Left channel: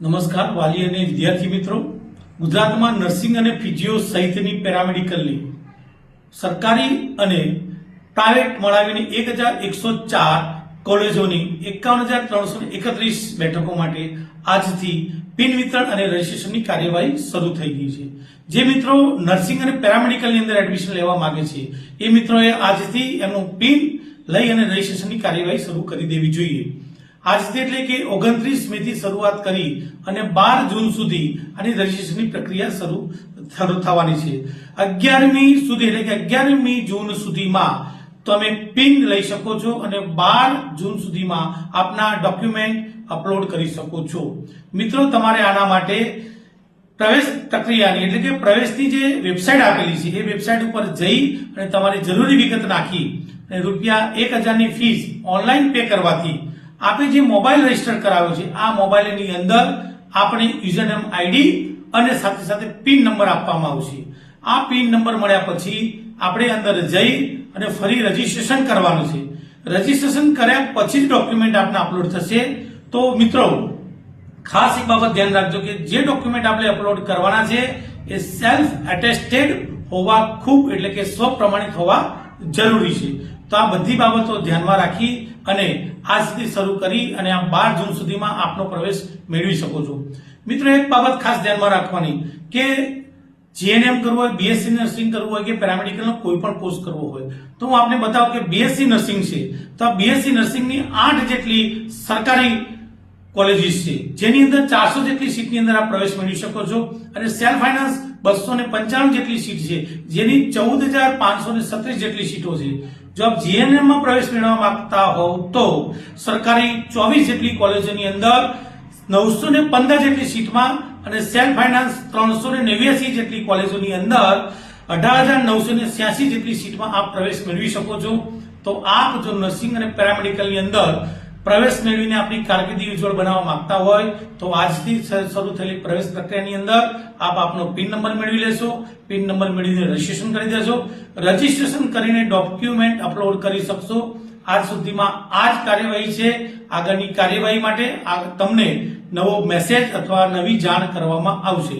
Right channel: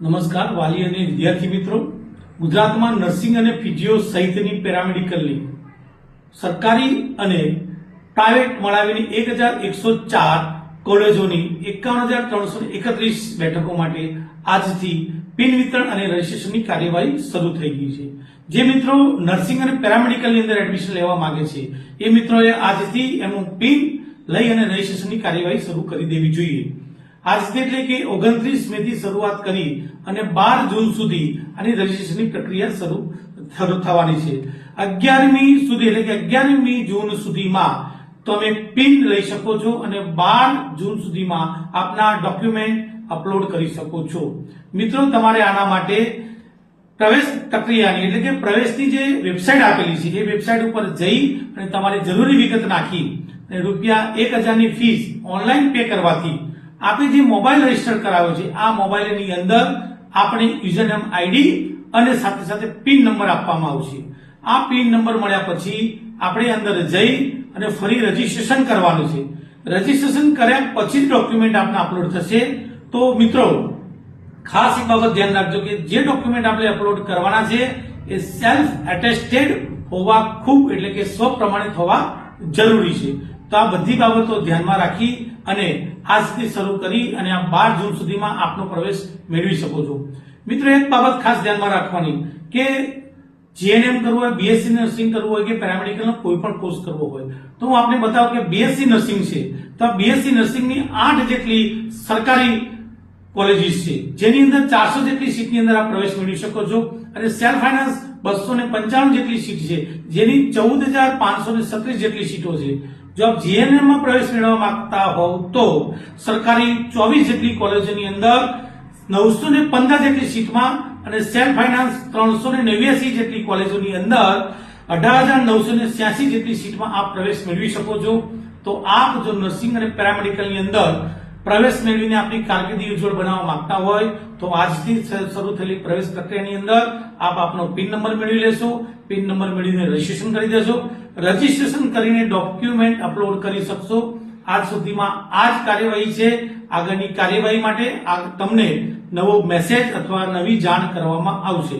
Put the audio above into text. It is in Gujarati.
નમસ્કાર વાલી અને વિદ્યાર્થી મિત્રો, ગુજરાતમાં નર્સિંગ અને ફિઝિયો સહિતની પેરામેડિકલની સરકારી અને પ્રાઇવેટ મળાવીને 1104 કોલેજોની 51,331 બેઠકો માટે આજથી પિન વિતરણ અને રજીસ્ટ્રેશનની કાર્યવાહી શરૂ થઈ ગઈ છે। જે મિત્રો નર્સિંગ અને પેરામેડિકલની અંદર એડમિશન લેવા માંગે છે એ મિત્રોએ આજથી એનું પિન લઈ અને રજીસ્ટ્રેશનની કાર્યવાહી શરૂ કરી દેવી જોઈએ। આજથી એટલે કે 29 મે થી શરૂઆત કરી અને 12 જૂન સુધી આની રજીસ્ટ્રેશનની પ્રક્રિયા શરૂ થવાની છે। 11મી સુધી એટલે કે 11મી જૂન સુધીમાં તમે પિન લઈ શકો છો અને 12 જૂન સુધીમાં આપના ડોક્યુમેન્ટ અપલોડ કરી શકો છો। મિત્રો તમારે આના માટે પ્રવેશ પ્રક્રિયાની એટલે કે પ્રવેશની જે વેબસાઇટ આપેલી છે એ વેબસાઇટ ઉપર જઈ અને તમારે જરૂરી વિગત નાખી અને ₹1000 ની ફીસ ઓનલાઈન પે કરવાથી આપણે જે મોબાઈલ રજીસ્ટર કરાવ્યો છે આ મોબાઈલની અંદર આપણે યુઝરનેમ આઈડી અને સાથે સાથે પિન નંબર આપવામાં આવશે। આ પિન નંબર મળ્યા પછી આપણે અંદર જઈ અને ફરી રજીસ્ટ્રેશન કરવાનું છે। રજીસ્ટ્રેશન કર્યા પછી ડોક્યુમેન્ટ આપને અપલોડ થશે। તો મિત્રો ખાસ એક બાબત ધ્યાન રાખજો કે જે ડોક્યુમેન્ટ આપણે અપલોડ કરવાના છે એ સેલ્ફ એટેસ્ટેડ હોવા ખૂબ એટલે કે સ્વ પ્રમાણિત હોવા જરૂરી છે। તો આ બધી બાબતો ધ્યાનમાં રાખી અને આજથી શરૂ કરી અને આ 12 જૂન સુધીમાં આપનો પ્રવેશ મેળવી શકો છો। મિત્રો એક બાબત ખાસ ધ્યાનમાં રાખવાની કે જીએનએમ કરવું હોય, બીએસસી નર્સિંગ કરવું હોય કે પેરામેડિકલનો કોઈ પણ કોર્સ કરવો હોય તો હું આપને બતાવું કે બીએસસી નર્સિંગ છે તો બીએસસી નર્સિંગની 8 જેટલી સરકારી કોલેજીસ છે જેની અંદર 400 જેટલી સીટની અંદર આપ પ્રવેશ મેળવી શકો છો અને સેલ્ફ ફાઇનાન્સ 255 જેટલી સીટ છે જેની 14,537 જેટલી સીટો છે। જો આપ જીએનએમ માં પ્રવેશ મેળવવા માંગતા હોવ તો સરકારી 24 જેટલી કોલેજોની અંદર 915 જેટલી સીટમાં અને સેલ્ફ ફાઇનાન્સ 389 જેટલી કોલેજોની અંદર 18,986 જેટલી સીટમાં આપ પ્રવેશ મેળવી શકો છો। તો આપ જો નર્સિંગ અને પેરામેડિકલની અંદર પ્રવેશ મેળવીને આપની કારકિર્દી ઉજ્જવળ બનાવવા માંગતા હોય તો આજથી શરૂ થયેલી પ્રવેશ પ્રક્રિયાની અંદર આપ આપનો પિન નંબર મેળવી લેશો। પિન નંબર મેળવીને રજીસ્ટ્રેશન કરી દેશો। રજીસ્ટ્રેશન કરીને ડોક્યુમેન્ટ અપલોડ કરી શકશો। આજ સુધીમાં આ જ કાર્યવાહી છે। આગળની કાર્યવાહી માટે તમને નવો મેસેજ અથવા નવી જાણ કરવામાં આવશે।